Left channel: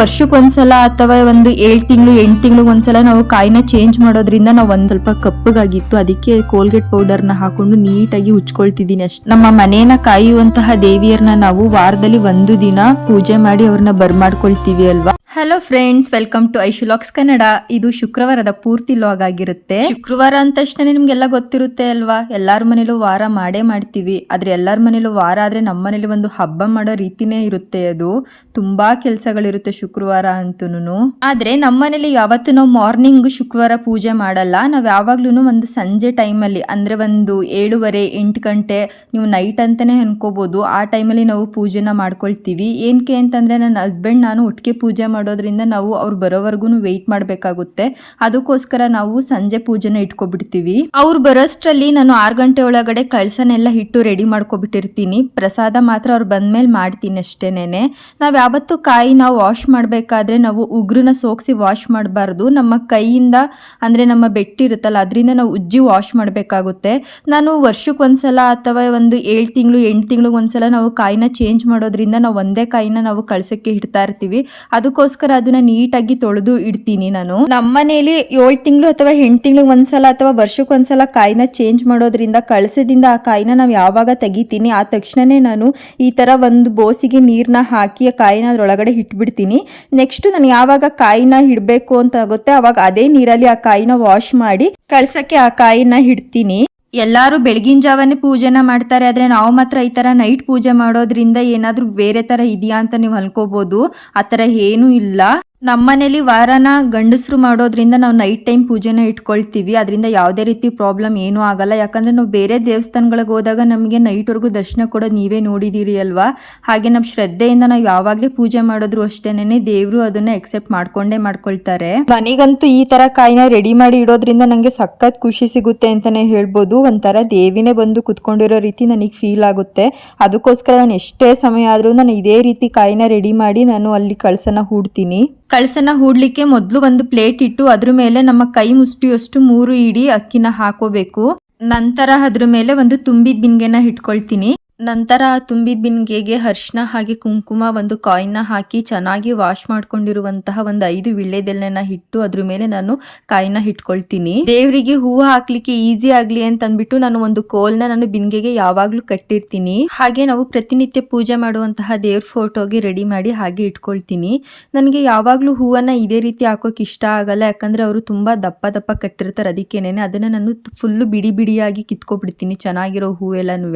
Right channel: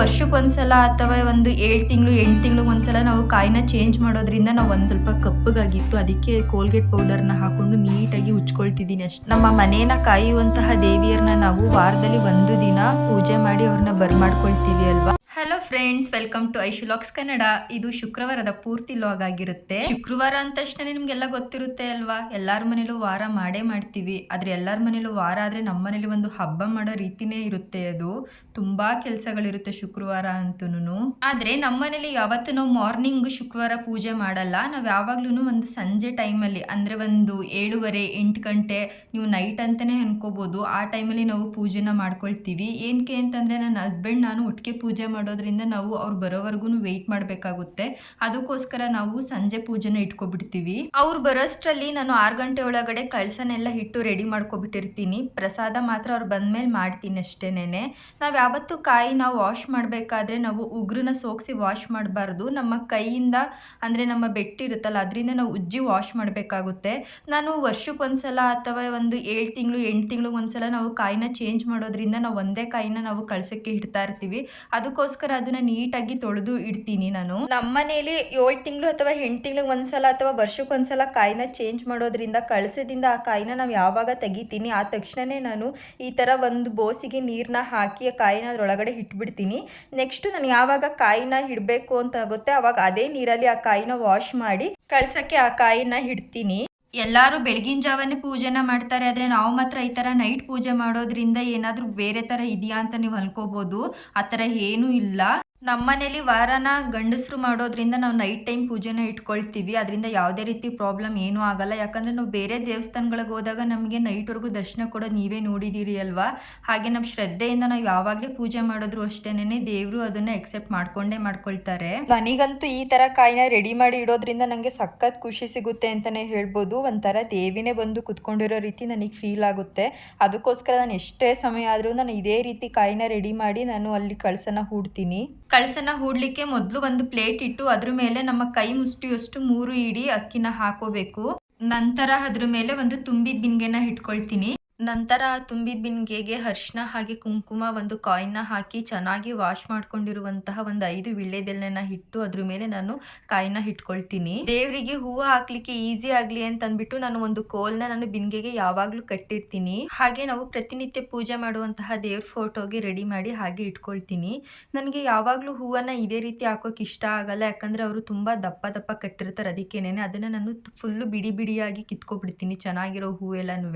ವರ್ಷಕ್ಕೊಂದ್ಸಲ ಅಥವಾ ಒಂದು ಏಳು ತಿಂಗಳು, ಎಂಟು ತಿಂಗಳು ಒಂದ್ಸಲ ನಾವು ಕಾಯಿನ ಚೇಂಜ್ ಮಾಡೋದ್ರಿಂದ ನಾವು ಒಂದ್ ಸ್ವಲ್ಪ ಕಪ್ಪಗಾಗಿತ್ತು. ಅದಕ್ಕೆ ಕೋಲ್ಗೇಟ್ ಪೌಡರ್ನ ಹಾಕೊಂಡು ನೀಟಾಗಿ ಉಚ್ಕೊಳ್ತಿದ್ದೀನಿ ಅಷ್ಟೇ. ನಮ್ಮ ಮನೇನ ಕಾಯುವಂತಹ ದೇವಿಯರ್ನ ನಾವು ವಾರದಲ್ಲಿ ಒಂದು ದಿನ ಪೂಜೆ ಮಾಡಿ ಅವ್ರನ್ನ ಬರ್ಮಾಡ್ಕೊಳ್ತೀವಿ ಅಲ್ವಾ? ಹಲೋ ಫ್ರೆಂಡ್ಸ್ ವೆಲ್ಕಮ್ ಟು ಐಶುಲಾಕ್ಸ್ ಕನ್ನಡ ಇದು ಶುಕ್ರವಾರದ ಪೂರ್ತಿ ಲಾಗ್ ಆಗಿರುತ್ತೆ. ಶುಕ್ರವಾರ ಅಂದ ತಕ್ಷಣ ನಿಮ್ಗೆಲ್ಲ ಗೊತ್ತಿರುತ್ತೆ ಅಲ್ವಾ? ಎಲ್ಲಾರ ಮನೇಲೂ ವಾರ ಮಾಡೇ ಮಾಡ್ತೀವಿ. ಆದ್ರೆ ಎಲ್ಲಾರ ಮನೇಲೂ ವಾರ ಆದ್ರೆ ನಮ್ಮ ಮನೇಲಿ ಒಂದು ಹಬ್ಬ ಮಾಡೋ ರೀತಿನೇ ಇರುತ್ತೆ ಅದು. ತುಂಬಾ ಕೆಲಸಗಳಿರುತ್ತೆ ಶುಕ್ರವಾರ ಅಂತೂ ಆದ್ರೆ ನಮ್ಮ ಮನೇಲಿ ಯಾವತ್ತು ನಾವು ಮಾರ್ನಿಂಗ್ ಶುಕ್ರವಾರ ಪೂಜೆ ಮಾಡಲ್ಲ. ನಾವು ಯಾವಾಗ್ಲೂ ಒಂದು ಸಂಜೆ ಟೈಮಲ್ಲಿ ಅಂದ್ರೆ ಒಂದು ಏಳುವರೆ, ಎಂಟು ಗಂಟೆ, ನೀವು ನೈಟ್ ಅಂತಾನೆ ಅನ್ಕೋಬಹುದು ಆ ಟೈಮಲ್ಲಿ ನಾವು ಪೂಜೆನ ಮಾಡ್ಕೊಳ್ತೀವಿ. ಏನಕ್ಕೆ ಅಂತಂದ್ರೆ ನನ್ನ ಹಸ್ಬೆಂಡ್ ನಾನು ಒಟ್ಟಿಗೆ ಪೂಜೆ ಮಾಡೋದ್ರಿಂದ ನಾವು ಅವ್ರು ಬರೋವರೆಗೂ ವೆಯ್ಟ್ ಮಾಡಬೇಕಾಗುತ್ತೆ. ಅದಕ್ಕೋಸ್ಕರ ನಾವು ಸಂಜೆ ಪೂಜೆನ ಇಟ್ಕೊಬಿಡ್ತೀವಿ. ಅವ್ರು ಬರೋಷ್ಟರಲ್ಲಿ ನಾನು ಆರು ಗಂಟೆ ಒಳಗಡೆ ಕಳಸನೆಲ್ಲ ಹಿಟ್ಟು ರೆಡಿ ಮಾಡ್ಕೊಬಿಟ್ಟಿರ್ತೀನಿ. ಪ್ರಸಾದ ಮಾತ್ರ ಅವ್ರು ಬಂದ್ಮೇಲೆ ಮಾಡ್ತೀನಿ ಅಷ್ಟೇನೆ ನಾವು ಯಾವತ್ತು ಕಾಯಿ ನಾವು ವಾಶ್ ಮಾಡಬೇಕಾದ್ರೆ ನಾವು ಉಗುರನ್ನ ಸೋಕ್ಸಿ ವಾಶ್ ಮಾಡಬಾರ್ದು. ನಮ್ಮ ಕೈಯಿಂದ ಅಂದರೆ ನಮ್ಮ ಬೆಟ್ಟಿರುತ್ತಲ್ಲ ಅದರಿಂದ ನಾವು ಉಜ್ಜಿ ವಾಶ್ ಮಾಡಬೇಕಾಗುತ್ತೆ. ನಾನು ವರ್ಷಕ್ಕೆ ಒಂದ್ಸಲ ಅಥವಾ ಒಂದು ಏಳು ತಿಂಗಳು, ಎಂಟು ತಿಂಗಳು ಒಂದ್ಸಲ ನಾವು ಕಾಯಿನ ಚೇಂಜ್ ಮಾಡೋದ್ರಿಂದ ನಾವು ಒಂದೇ ಕಾಯಿನ ನಾವು ಕಳಸಕ್ಕೆ ಇಡ್ತಾ ಇರ್ತೀವಿ. ಅದಕ್ಕೋಸ್ಕರ ಅದನ್ನ ನೀಟಾಗಿ ತೊಳೆದು ಇಡ್ತೀನಿ ನಾನು. ನಮ್ಮ ಮನೇಲಿ ಏಳು ತಿಂಗಳು ಅಥವಾ ಎಂಟು ತಿಂಗಳು ಒಂದ್ಸಲ ಅಥವಾ ವರ್ಷಕ್ಕೊಂದ್ಸಲ ಕಾಯಿನ ಚೇಂಜ್ ಮಾಡೋದ್ರಿಂದ ಕಳಸದಿಂದ ಆ ಕಾಯಿನ ನಾವು ಯಾವಾಗ ತೆಗಿತೀನಿ, ಆ ತಕ್ಷಣನೇ ನಾನು ಈ ತರ ಒಂದು ಬೋಸಿಗೆ ನೀರನ್ನ ಹಾಕಿ ಆ ಕಾಯಿನ ಅದ್ರೊಳಗಡೆ ಇಟ್ಬಿಡ್ತೀನಿ. ನೆಕ್ಸ್ಟ್ ನಾನು ಯಾವಾಗ ಕಾಯಿನ ಇಡ್ಬೇಕು ಅಂತ ಆಗುತ್ತೆ ಅವಾಗ ಅದೇ ನೀರಲ್ಲಿ ಆ ಕಾಯಿನ ವಾಶ್ ಮಾಡಿ ಕಳ್ಸಕ್ಕೆ ಆ ಕಾಯಿನ ಇಡ್ತೀನಿ. ಎಲ್ಲರೂ ಬೆಳಗಿನ ಜಾವನೇ ಪೂಜೆನ ಮಾಡ್ತಾರೆ, ಆದರೆ ನಾವು ಮಾತ್ರ ಈ ಥರ ನೈಟ್ ಪೂಜೆ ಮಾಡೋದ್ರಿಂದ ಏನಾದರೂ ಬೇರೆ ಥರ ಇದೆಯಾ ಅಂತ ನೀವು ಅನ್ಕೋಬೋದು. ಆ ಥರ ಏನೂ ಇಲ್ಲ. ನಮ್ಮನೇಲಿ ವಾರನ ಗಂಡಸರು ಮಾಡೋದ್ರಿಂದ ನಾವು ನೈಟ್ ಟೈಮ್ ಪೂಜೆನ ಇಟ್ಕೊಳ್ತೀವಿ. ಅದರಿಂದ ಯಾವುದೇ ರೀತಿ ಪ್ರಾಬ್ಲಮ್ ಏನೂ ಆಗಲ್ಲ. ಯಾಕಂದರೆ ನಾವು ಬೇರೆ ದೇವಸ್ಥಾನಗಳಿಗೆ ಹೋದಾಗ ನಮಗೆ ನೈಟ್ವರೆಗೂ ದರ್ಶನ ಕೊಡೋದು ನೀವೇ ನೋಡಿದ್ದೀರಿ ಅಲ್ವಾ? ಹಾಗೆ ನಮ್ಮ ಶ್ರದ್ಧೆಯಿಂದ ನಾವು ಯಾವಾಗಲೇ ಪೂಜೆ ಮಾಡಿದ್ರು ಅಷ್ಟೇನೆ ದೇವರು ಅದನ್ನ ಎಕ್ಸೆಪ್ಟ್ ಮಾಡ್ಕೊಂಡೇ ಮಾಡ್ಕೊಳ್ತಾರೆ. ನನಗಂತೂ ಈ ತರ ಕಾಯಿನ ರೆಡಿ ಮಾಡಿ ಇಡೋದ್ರಿಂದ ನನಗೆ ಸಖತ್ ಖುಷಿ ಸಿಗುತ್ತೆ ಅಂತಾನೆ ಹೇಳ್ಬೋದು. ಒಂಥರ ದೇವಿನೇ ಬಂದು ಕುತ್ಕೊಂಡಿರೋ ರೀತಿ ನನಗೆ ಫೀಲ್ ಆಗುತ್ತೆ. ಅದಕ್ಕೋಸ್ಕರ ನಾನು ಎಷ್ಟೇ ಸಮಯ ಆದರೂ ನಾನು ಇದೇ ರೀತಿ ಕಾಯಿನ ರೆಡಿ ಮಾಡಿ ನಾನು ಅಲ್ಲಿ ಕಳಸನ ಹೂಡ್ತೀನಿ. ಕಳಸನ ಹೂಡ್ಲಿಕ್ಕೆ ಮೊದಲು ಒಂದು ಪ್ಲೇಟ್ ಇಟ್ಟು ಅದ್ರ ಮೇಲೆ ನಮ್ಮ ಕೈ ಮುಷ್ಟಿಯಷ್ಟು ಮೂರು ಇಡಿ ಅಕ್ಕಿನ ಹಾಕೋಬೇಕು. ನಂತರ ಅದ್ರ ಮೇಲೆ ಒಂದು ತುಂಬಿದ ಬಿಂಗೆನ ಇಟ್ಕೊಳ್ತೀನಿ ನಂತರ ತುಂಬಿದ ಬಿನ್ಗೆಗೆ ಅರಿಶಿನ ಹಾಗೆ ಕುಂಕುಮ, ಒಂದು ಕಾಯಿನ್ನ ಹಾಕಿ ಚೆನ್ನಾಗಿ ವಾಶ್ ಮಾಡ್ಕೊಂಡಿರುವಂತಹ ಒಂದು ಐದು ವಿಳ್ಳೆದೆಲೆನ ಇಟ್ಟು ಅದ್ರ ಮೇಲೆ ನಾನು ಕಾಯಿನ ಇಟ್ಕೊಳ್ತೀನಿ. ದೇವರಿಗೆ ಹೂವು ಹಾಕ್ಲಿಕ್ಕೆ ಈಸಿ ಆಗ್ಲಿ ಅಂತ ಅಂದ್ಬಿಟ್ಟು ನಾನು ಒಂದು ಕೋಲ್ನ ನಾನು ಬಿನ್ಗೆಗೆ ಯಾವಾಗ್ಲೂ ಕಟ್ಟಿರ್ತೀನಿ. ಹಾಗೆ ನಾವು ಪ್ರತಿನಿತ್ಯ ಪೂಜೆ ಮಾಡುವಂತಹ ದೇವ್ರ ಫೋಟೋಗೆ ರೆಡಿ ಮಾಡಿ ಹಾಗೆ ಇಟ್ಕೊಳ್ತೀನಿ. ನನಗೆ ಯಾವಾಗಲೂ ಹೂವನ್ನ ಇದೇ ರೀತಿ ಹಾಕೋಕೆ ಇಷ್ಟ ಆಗಲ್ಲ, ಯಾಕಂದ್ರೆ ಅವರು ತುಂಬಾ ದಪ್ಪ ದಪ್ಪ ಕಟ್ಟಿರ್ತಾರೆ. ಅದಕ್ಕೇನೆ ಅದನ್ನ ನಾನು ಫುಲ್ಲು ಬಿಡಿ ಬಿಡಿಯಾಗಿ ಕಿತ್ಕೊಬಿಡ್ತೀನಿ ಚೆನ್ನಾಗಿರೋ ಹೂವೆಲ್ಲನೂ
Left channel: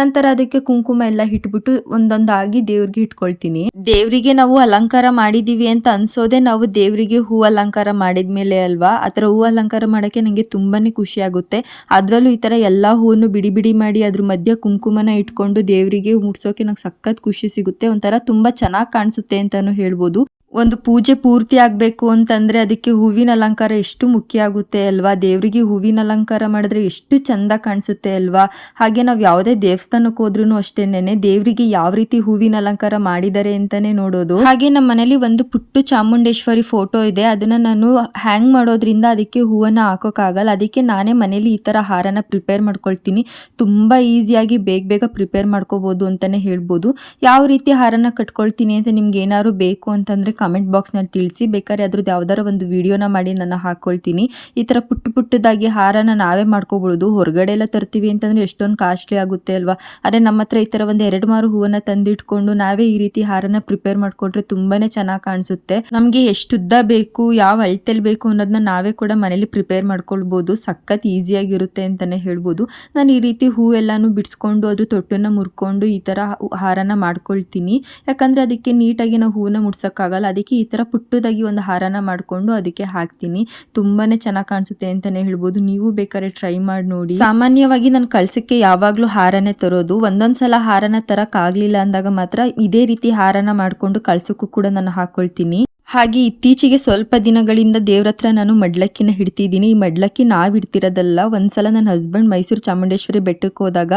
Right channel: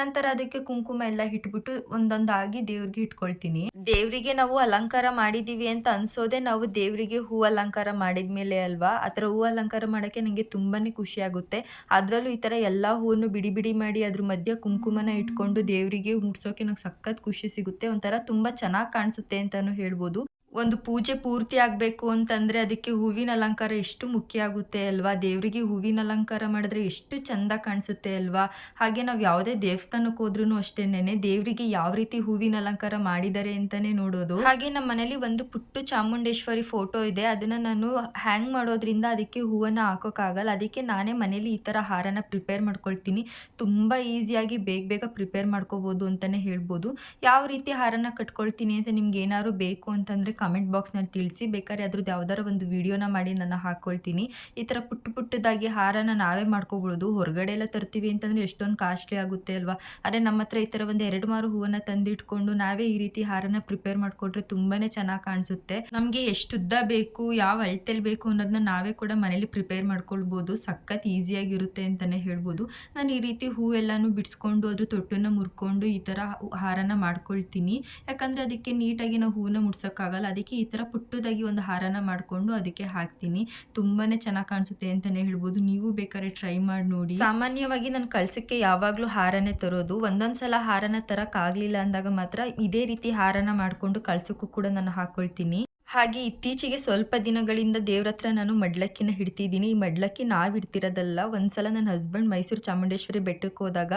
ನಂತರ ಕುಂಕುಮ ಎಲ್ಲ ಇಟ್ಬಿಟ್ಟು ಒಂದೊಂದಾಗಿ ದೇವ್ರಿಗೆ ಇಟ್ಕೊಳ್ತೀನಿ. ದೇವರಿಗೆ ನಾವು ಅಲಂಕಾರ ಮಾಡಿದೀವಿ ಅಂತ ಅನ್ಸೋದೇ ನಾವು ದೇವರಿಗೆ ಹೂ ಅಲಂಕಾರ ಮಾಡಿದ್ಮೇಲೆ ಅಲ್ವಾ? ಆ ಹೂ ಅಲಂಕಾರ ಮಾಡೋಕ್ಕೆ ನನಗೆ ತುಂಬಾನೇ ಖುಷಿ ಆಗುತ್ತೆ. ಅದರಲ್ಲೂ ಈ ತರ ಎಲ್ಲ ಹೂವನ್ನು ಬಿಡಿ ಬಿಡಿ ಮಾಡಿ ಅದ್ರ ಮಧ್ಯೆ ಕುಂಕುಮನ ಇಟ್ಕೊಂಡು ದೇವರಿಗೆ ಮುಡ್ಸೋಕೆ ನಂಗೆ ಸಖತ್ ಖುಷಿ ಸಿಗುತ್ತೆ. ಒಂಥರ ತುಂಬಾ ಚೆನ್ನಾಗಿ ಕಾಣಿಸುತ್ತೆ ಅಂತಾನು ಹೇಳ್ಬೋದು. ಒಂದು ಪೂಜೆ ಪೂರ್ತಿ ಆಗಬೇಕು ಅಂತಂದರೆ ಅದಕ್ಕೆ ಹೂವಿನ ಅಲಂಕಾರ ಎಷ್ಟು ಮುಖ್ಯ ಆಗುತ್ತೆ ಅಲ್ವಾ? ದೇವರಿಗೆ ಹೂವಿನ ಅಲಂಕಾರ ಮಾಡಿದ್ರೆ ಎಷ್ಟು ಚಂದ ಕಾಣಿಸುತ್ತೆ ಅಲ್ವಾ? ಹಾಗೆ ನಾವು ಯಾವುದೇ ದೇವಸ್ಥಾನಕ್ಕೆ ಹೋದ್ರೂ ಅಷ್ಟೇನೆ ದೇವರಿಗೆ ಯಾವ ರೀತಿ ಹೂವಿನ ಅಲಂಕಾರ ಮಾಡಿದ್ದಾರೆ ಅಂತಲೇ ನೋಡೋದು. ಹಾಗೆ ನಮ್ಮ ಮನೇಲಿ ಒಂದು ಪುಟ್ಟು ಚಾಮುಂಡೇಶ್ವರಿ ಫೋಟೋ ಇದೆ. ಅದನ್ನ ನಾನು ಹ್ಯಾಂಗ್ ಮಾಡೋದ್ರಿಂದ ಅದಕ್ಕೆ ಹೂವನ್ನು ಹಾಕೋಕ್ಕಾಗಲ್ಲ. ಅದಕ್ಕೆ ನಾನೇ ಮನೇಲಿ ಈ ಥರ ಹಾರನ ಪ್ರಿಪೇರ್ ಮಾಡ್ಕೊಳ್ತೀನಿ. ತುಂಬ ಈಸಿಯಾಗಿ ಬೇಗ ಬೇಗ ಪ್ರಿಪೇರ್ ಮಾಡ್ಕೋಬೋದು ಅಂತಲೇ ಹೇಳ್ಬೋದು. ಯಾವ ರೀತಿ ಹಾರನ ಕಟ್ಕೊಳ್ತೀನಿ ಅಂತ ನಿಮ್ಗೆ ಏನಾದ್ರು ಬೇಕು ಅಂತಂದರೆ ಕಮೆಂಟ್ ಬಾಕ್ಸ್ನಲ್ಲಿ ತಿಳಿಸಿ. ಬೇಕಾದ್ರೆ ಅದ್ರದ್ದು ಯಾವ್ದಾರ ಒಂದು ವಿಡಿಯೋನ ಮಾಡಿ ನಾನು ಹಾಕೊಳ್ತೀನಿ. ಈ ಥರ ಪುಟ್ಟ ಪುಟ್ಟದಾಗಿ ಹಾರನ ನಾವೇ ಮಾಡ್ಕೋಬಹುದು ಹೊರಗಡೆ ಎಲ್ಲ ತರ್ತೀವಿ ಅಂತಂದರೆ ಎಷ್ಟೊಂದು ಕಾಸ್ಟ್ಲಿ ಆಗುತ್ತೆ ಅಲ್ವಾ? ಆದರೆ ನಮ್ಮ ಹತ್ರ ಈ ಥರ ಒಂದು ಎರಡು ಮಾರು ಹೂವನ್ನ ತಂದಿಟ್ಕೊಂಡು ನಾವೇ ಈ ರೀತಿ ಹಾರನ ಪ್ರಿಪೇರ್ ಮಾಡ್ಕೊಂಡ್ರೆ ತುಂಬಾನೇ ಚೆನ್ನಾಗಿ ಕಾಣಿಸುತ್ತೆ. ನಮಗೆ ಎಷ್ಟುದ್ದ ಬೇಕು, ಯಾವ ಅಳತೆಲಿ ಬೇಕು ಅನ್ನೋದನ್ನ ನಾವೇ ಕೂಡ ಮನೇಲಿ ಪ್ರಿಪೇರ್ ಮಾಡ್ಕೊಳ್ಬೋದು. ಸಖತ್ ಈಸಿಯಾಗಿರುತ್ತೆ ಅಂತಲೇ ಹೇಳ್ಬೋದು. ನಾನು ಈ ರೀತಿ ಹೂ ಎಲ್ಲಾನು ಬಿಡಿಸ್ಕೊಂಡು ಅದ್ರ ತೊಟ್ಟನ್ನು ಮುರ್ಕೊಂಡು ಈ ಥರ ಹಾರನ ಮಾಡ್ಕೊಳ್ತೀನಿ. ಯಾಕಂದರೆ ಅದಕ್ಕೆ ನೀಟಾಗಿ ನಾವು ಹೂವನ್ನ ಮುಡ್ಸೋಕ್ಕಾಗಲ್ಲ. ಅದಕ್ಕೆ ಈ ಥರ ಪುಟ್ಟದಾಗಿ ಒಂದು ಹಾರನ ಮಾಡಿಕೊಂಡು ಅದಕ್ಕೆ ಹಾಕ್ತೀನಿ. ತುಂಬಾ ಚೆನ್ನಾಗಿ ಕಾಣಿಸುತ್ತೆ ಅಂತಲೇ ಹೇಳ್ಬೋದು. ನೀವು ಬೇಕಾದ್ರೆ ಟ್ರೈ ಮಾಡಿ ನೋಡಿ. ಸಾಮಾನ್ಯವಾಗಿ ನಾನು ಕಳ್ಸಕ್ಕೆ ಯಾವಾಗಲೂ ಹಾರನೇ ತರೋದು. ಒಂದೊಂದು ಸಲ ಹಾರನ ತರೋಕ್ಕಾಗಲಿಲ್ಲ ಅಂದಾಗ ಮಾತ್ರ ಇದೇ ರೀತಿ ಹಾರನ ಮಾಡಿಕೊಂಡು ಕಳ್ಸೋಕ್ಕೂ ಕೂಡ ನಾನು ಹಾಕ್ಕೊಳ್ತೀನಿ ಹಾಗೆ ಇತ್ತೀಚೆಗೆ ಸ್ವಲ್ಪ ದಿನಗಳಿಂದ ದೇವ್ರ ಹತ್ರ ನಾನು ಮಡ್ಲಕ್ಕಿನ ಹಿಡ್ತಿದ್ದೀನಿ. ಈ ಮಡ್ಲಕ್ಕಿ ನಾವು ಇಡ್ತಿರೋದಲ್ಲ ಒಂದ್ಸಲ ನನ್ನ ಹಸ್ಬೆಂಡ್ ಮೈಸೂರು ಚಾಮುಂಡೇಶ್ವರಿ ಬೆಟ್ಟಕ್ಕೆ ಹೋದಾಗ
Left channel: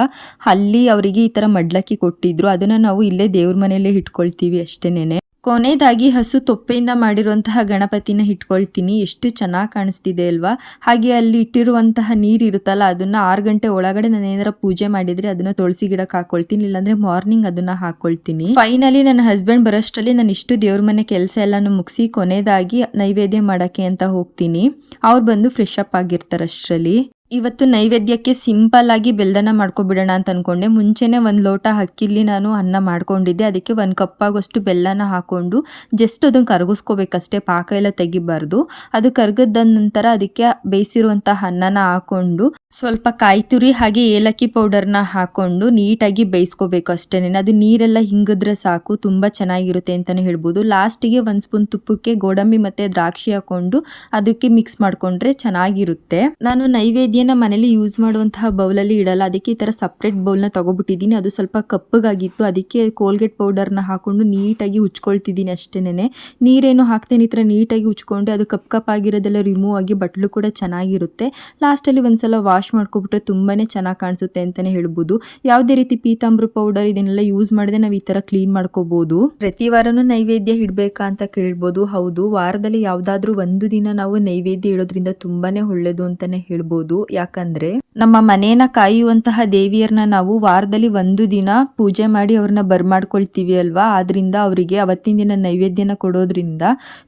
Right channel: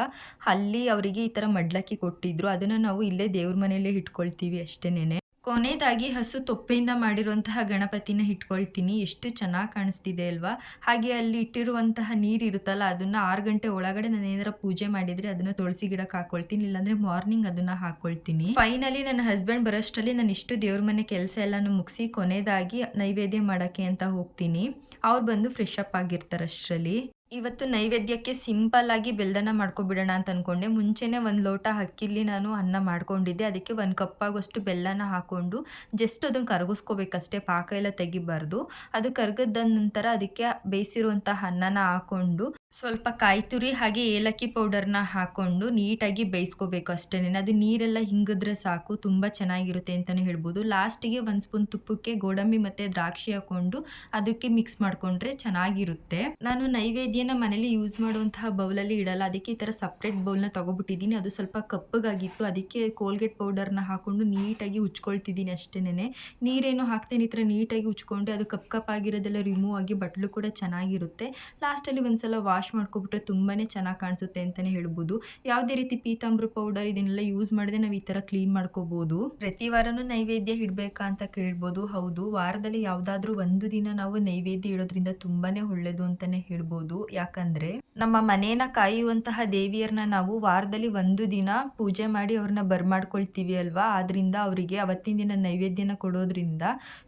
ಅಲ್ಲಿ ಅವರಿಗೆ ಈ ಥರ ಮಡ್ಲಕ್ಕಿ ಕೊಟ್ಟಿದ್ರು. ಅದನ್ನು ನಾವು ಇಲ್ಲೇ ದೇವ್ರ ಮನೆಯಲ್ಲೇ ಇಟ್ಕೊಳ್ತೀವಿ ಅಷ್ಟೇನೆ ಕೊನೆಯದಾಗಿ ಹಸು ತೊಪ್ಪೆಯಿಂದ ಮಾಡಿರುವಂತಹ ಗಣಪತಿನ ಇಟ್ಕೊಳ್ತೀನಿ. ಎಷ್ಟು ಚೆನ್ನಾಗಿ ಕಾಣಿಸ್ತಿದೆ ಅಲ್ವಾ? ಹಾಗೆ ಅಲ್ಲಿ ಇಟ್ಟಿರುವಂತಹ ನೀರು ಇರುತ್ತಲ್ಲ, ಅದನ್ನ ಆರು ಗಂಟೆ ಒಳಗಡೆ ನಾನು ಪೂಜೆ ಮಾಡಿದ್ರೆ ಅದನ್ನ ತುಳಸಿ ಗಿಡಕ್ಕೆ ಹಾಕೊಳ್ತೀನಿ, ಇಲ್ಲಾಂದರೆ ಮಾರ್ನಿಂಗ್ ಅದನ್ನ ಹಾಕೊಳ್ತೀನಿ. ಫೈನಲಿ ನನ್ನ ಹಸ್ಬೆಂಡ್ ಬರೋಷ್ಟರಲ್ಲಿ ನಾನು ಇಷ್ಟು ದೇವ್ರ ಮನೆ ಕೆಲಸ ಎಲ್ಲನೂ ಮುಗಿಸಿ ಕೊನೆಯದಾಗಿ ನೈವೇದ್ಯ ಮಾಡೋಕ್ಕೆ ಅಂತ ಹೋಗ್ತೀನಿ. ಅವ್ರು ಬಂದು ಫ್ರೆಶ್ ಅಪ್ ಆಗಿರ್ತಾರೆ ಅಷ್ಟರಲ್ಲಿ ಇವತ್ತು ನೈವೇದ್ಯಕ್ಕೆ ಸಿಂಪಲ್ ಆಗಿ ಬೆಲ್ದನ ಮಾಡ್ಕೊಬಿಡೋಣ ಅಂತ ಅನ್ಕೊಂಡೆ. ಮುಂಚೆನೆ ಒಂದು ಲೋಟ ಅಕ್ಕಿಲಿ ನಾನು ಅನ್ನ ಮಾಡ್ಕೊಂಡಿದ್ದೆ. ಅದಕ್ಕೆ ಒಂದು ಕಪ್ ಆಗೋಷ್ಟು ಬೆಲ್ಲನ ಹಾಕೊಂಡು ಜಸ್ಟ್ ಅದನ್ನು ಕರಗಿಸ್ಕೋಬೇಕಷ್ಟೇ, ಪಾಕ ಎಲ್ಲ ತೆಗಿಬಾರ್ದು. ಅದು ಕರ್ಗದ ನಂತರ ಅದಕ್ಕೆ ಬೇಯಿಸಿರುವಂತಹ ಅನ್ನನ ಹಾಕೊಂಡು ಸ್ವಲ್ಪ ಕಾಯಿ ತುರಿ ಹಾಗೆ ಏಲಕ್ಕಿ ಪೌಡರ್ನ ಹಾಕೊಂಡು ನೀಟಾಗಿ ಬೇಯಿಸ್ಕೋಬೇಕು ಅಷ್ಟೇನೆ. ಅದು ನೀರೆಲ್ಲ ಹಿಂಗಿದ್ರೆ ಸಾಕು, ತುಂಬ ಚೆನ್ನಾಗಿರುತ್ತೆ ಅಂತಲೇ ಹೇಳ್ಬೋದು. ಲಾಸ್ಟಿಗೆ ಒಂದು ಸ್ಪೂನ್ ತುಪ್ಪಕ್ಕೆ ಗೋಡಂಬಿ ಮತ್ತು ದ್ರಾಕ್ಷಿ ಹಾಕೊಂಡು ಅದಕ್ಕೆ ಮಿಕ್ಸ್ ಮಾಡಿಕೊಂಡ್ರೆ ಚೆನ್ನಾಗಿರುತ್ತೆ. ನಾನು ನೈವೇದ್ಯನ ಮನೇಲಿ ಯೂಸ್ ಮಾಡುವಂತಹ ಬೌಲಲ್ಲಿ ಇಡಲ್ಲ. ಅದಕ್ಕೆ ಈ ಥರ ಸಪ್ರೇಟ್ ಬೌಲ್ನ ತೊಗೊಬಿಟ್ಟಿದ್ದೀನಿ. ಅದು ಸ್ವಲ್ಪ ಕಪ್ಪಗಾಗಿತ್ತು. ಅದಕ್ಕೆ ಕೋಲ್ಗೇಟ್ ಪೌಡರ್ನ ಹಾಕ್ಕೊಂಡು ನೀಟಾಗಿ ಉಚ್ಕೊಳ್ತಿದ್ದೀನಿ ಅಷ್ಟೇನೆ ನೀರೇನು ಹಾಕ್ತೇನೆ, ಈ ಥರ ನೀಟಾಗಿ ಉಚ್ಕೊಂಡು ಅದು ಕಪ್ ಕಪ್ ಆಗಿರೋದೆಲ್ಲ ರಿಮೂವ್ ಆಗಿ ಬಟ್ಲು ಕೂಡ ಚೆನ್ನಾಗಿರುತ್ತೆ. ಲಾಸ್ಟಲ್ಲಿ ಒಂದ್ಸಲ ವಾಶ್ ಮಾಡ್ಕೊಬಿಟ್ರೆ ತುಂಬಾ ಚೆನ್ನಾಗಿ ಕಾಣಿಸುತ್ತೆ ಅಂತಲೇ ಹೇಳ್ಬೋದು. ಯಾವುದೇ ರೀತಿ ಪೀತಾಂಬ್ರ ಪೌಡರ್ ಇದನ್ನೆಲ್ಲ ಯೂಸ್ ಮಾಡಿದ್ರೆ ನಾವು ಈ ಥರ ಕ್ಲೀನ್ ಮಾಡ್ಕೋಬೋದು. ಪ್ರತಿ ವಾರನೂ ನೈವೇದ್ಯ ಇಡಬೇಕಾ ಅಂತ ಕೇಳ್ಬೋದು. ಹೌದು, ವಾರದಲ್ಲಿ ಯಾವುದಾದ್ರೂ ಒಂದು ದಿನ ನಾವು ನೈವೇದ್ಯ ಇಡೋದ್ರಿಂದ ತುಂಬಾ ಒಳ್ಳೆಯದು ಅಂತಲೇ ಹೇಳ್ಬೋದು. ಯಾಕಂದ್ರೆ ನಮ್ಮ ಮನೇನ ಕಾಯುವಂತಹ ದೇವಿಯರನ್ನ ನಾವು ವಾರದಲ್ಲಿ ಒಂದು ದಿನ ಪೂಜೆ ಮಾಡಿ ಅವ್ರನ್ನ ಬರ್ಮಾಡ್ಕೊಳ್ತೀವಿ ಅಲ್ವಾ? ಆದ್ರಿಂದ ಅವರಿಗೆ ಅವತ್ತಿನ ದಿನ ನೈವೇದ್ಯನ ಕೊಡೋದ್ರಿಂದ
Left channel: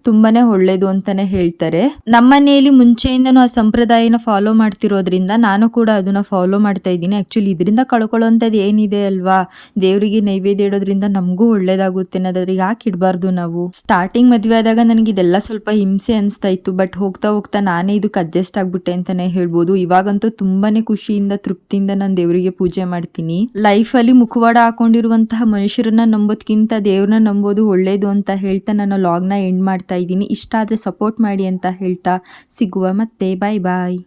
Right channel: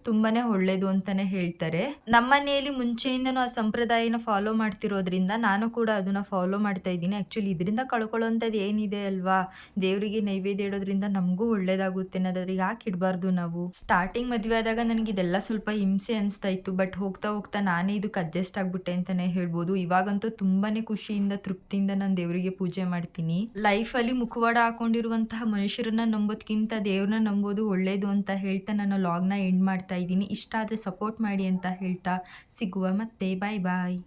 ತುಂಬಾನೇ ಒಳ್ಳೇದು ಅಂತಾನೆ ಹೇಳ್ತಾರೆ. ನಮ್ಮ ಮನೆಯಲ್ಲಿ ಮುಂಚೆಯಿಂದನೂ ಆ ಸಂಪ್ರದಾಯನ ಫಾಲೋ ಮಾಡ್ತಿರೋದ್ರಿಂದ ನಾನು ಕೂಡ ಅದನ್ನ ಫಾಲೋ ಮಾಡ್ತಾ ಇದ್ದೀನಿ. ಆಕ್ಚುಲಿ ಇದರಿಂದ ಕಳ್ಕೊಳ್ಳೋಂಥದ್ದು ಏನಿದೆ ಅಲ್ವಾ? ದೇವರಿಗೆ ನೈವೇದ್ಯ ಇಡೋದ್ರಿಂದ ನಮಗೂ ಒಳ್ಳೇದಾಗುತ್ತೆ ಅನ್ನೋದಾದ್ರೆ ಯಾಕೆ ಇಡಬಾರ್ದು ನಾವು? ಸ್ಟಾರ್ಟಿಂಗ್ ಮದುವೆ ಆದಾಗ ನನಗೆ ಇದೆಲ್ಲ ಸ್ವಲ್ಪ ಹಿಂಸೆ ಅನಿಸ್ತಾ ಇತ್ತು. ಬಟ್ ಹೋಗ್ತಾ ಹೋಗ್ತಾ ನಾನೇ ಇದಕ್ಕೆ ಅಡ್ಜಸ್ಟ್ ಆಗ್ಬಿಟ್ಟೆ ಅಂತಾನೆ ಹೇಳ್ಬೋದು. ಇವಾಗಂತೂ ತುಂಬಾನೇ ಖುಷಿಯಿಂದ, ತೃಪ್ತಿಯಿಂದ ನಾನು ದೇವರಿಗೆ ಪೂಜೆ ಮಾಡ್ತೀನಿ. ಲೈಫ್ ಅಲ್ಲಿ ಮುಖವಾಡ ಹಾಕೊಂಡಿರುವಂತಹ ಮನುಷ್ಯರನ್ನ ನಂಬೋದ್ಕಿಂತ ದೇವ್ರನ್ನ ನಂಬೋದು ಒಳ್ಳೇದು ಅಂತ ಹೇಳ್ತಾ ನಾನು ಲಾಗ್ನ ಎಂಡ್ ಮಾಡ್ತಾ ಇದ್ದೀನಿ. ಇಷ್ಟ ಆದ್ರೆ ಸಪೋರ್ಟ್ ಮಾಡಿ ಅಂತ ಹೇಳ್ತಾ ಸಿಗುವ. ಮತ್ತೆ ಬಾಯ್ ಬಾಯ್